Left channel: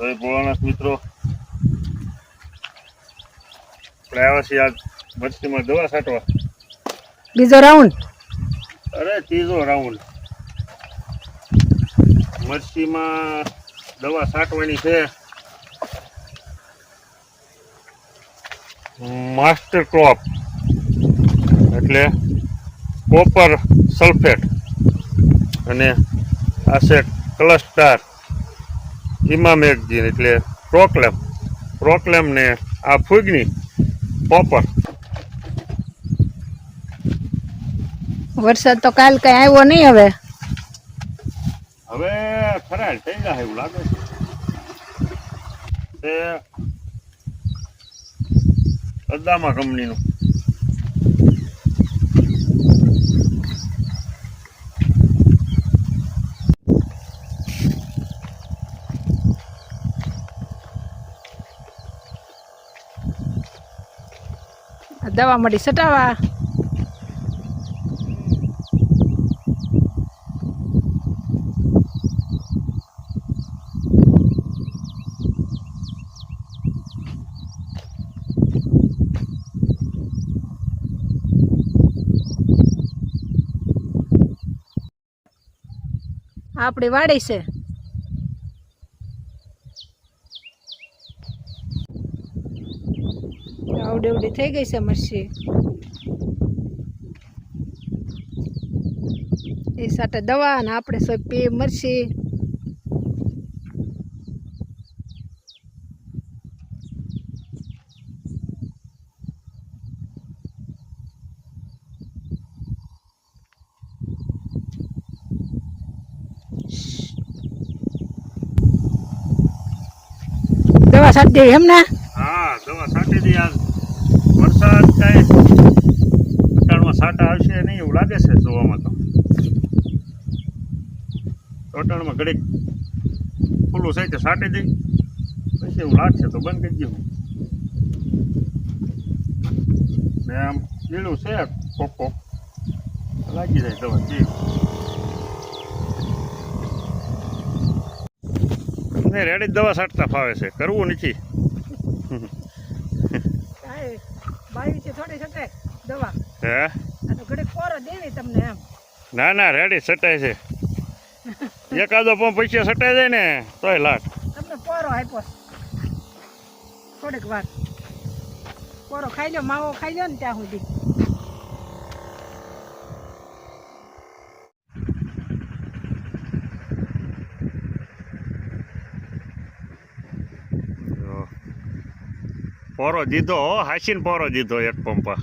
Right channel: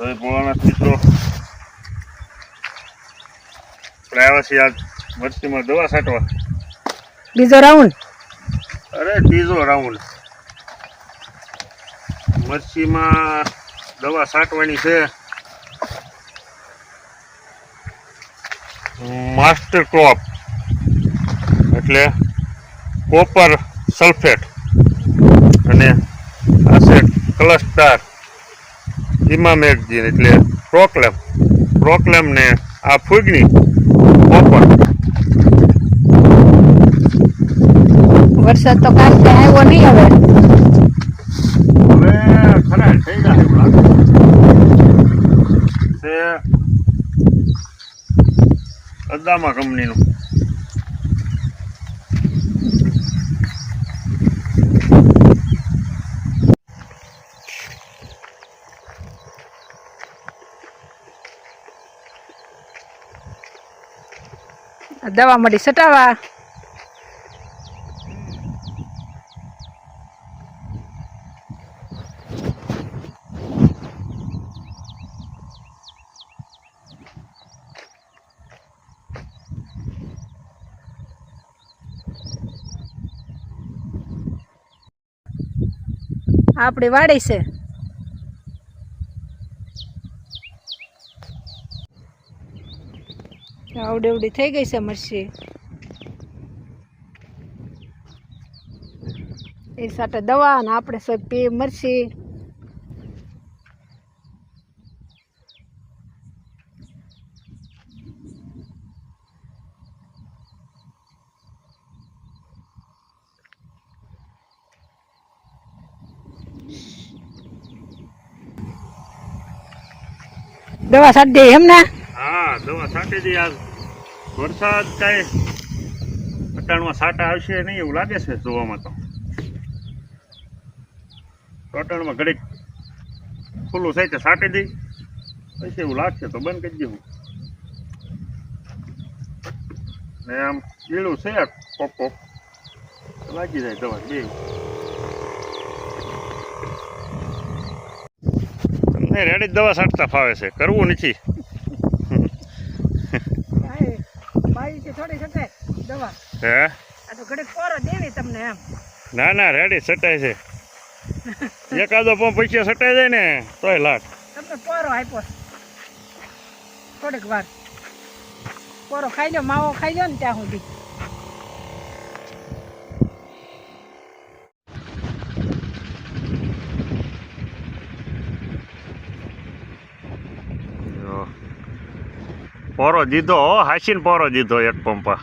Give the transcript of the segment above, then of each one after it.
જય ભોળાનાથ મિત્રો, આપણે આવ્યા છીએ આજ મરચીમાં દવા છાંટવા. બીજો રાઉન્ડ? અરે ત્રીજો રાઉન્ડ. મરચીમાં દવા છાંટવાની છે. માસ્ટર ક્રોપ એટલે કોપર સલ્ફેટ અને આ છે ક્લસ્ટર ઇમામેક્ઝિન એટલે પ્રોક્લેમ ને આ ફૂગની કોપર. વરસાદ તો કાલ કઈ આવ્યો નહીં. હવે ખરા થઈ જાય એવું લાગે છે. અદામા કંપનીનું દવા મળી સટાવા. આપણી વાડી છે. આવડી થઈ ગઈ છે મરચી. એ સાથે દવા અને આપણે સબ પી મરચી. દવા છાંટી દે એમ ને? હા, દવા છાંટી દી. આજ વરસાદ કાંઈ અટાણમાં છાંટા આવશે નહીં એવું લાગે છે જોવામાં. તો અટાણમાં ઘડીક ખુલ્લું છે કે છાંટી દી, પછી એવું લાગશે તો બંધ કરી દેવું. ને આમ પીળું છે કોક લાગી જાય દવા જે. તમને રેડી દવા છાંટતા ફાવે છે, કરવું નથી. હે? ના ના, રેડી સટાય છે. એકાદો પણ પૈસા સટાઈ જાય ને તોય લાટ. તમને પોરો આપ્યો થોડીક વાર. પોરો ખાઈ લો, માવો ખાઈ લો ને ત્યાં સુધી. પોરો દીધો, હાસીને પોરો દીધો એક પંપા.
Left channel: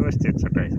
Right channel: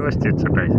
વ્યવસ્થિત છટાય છે.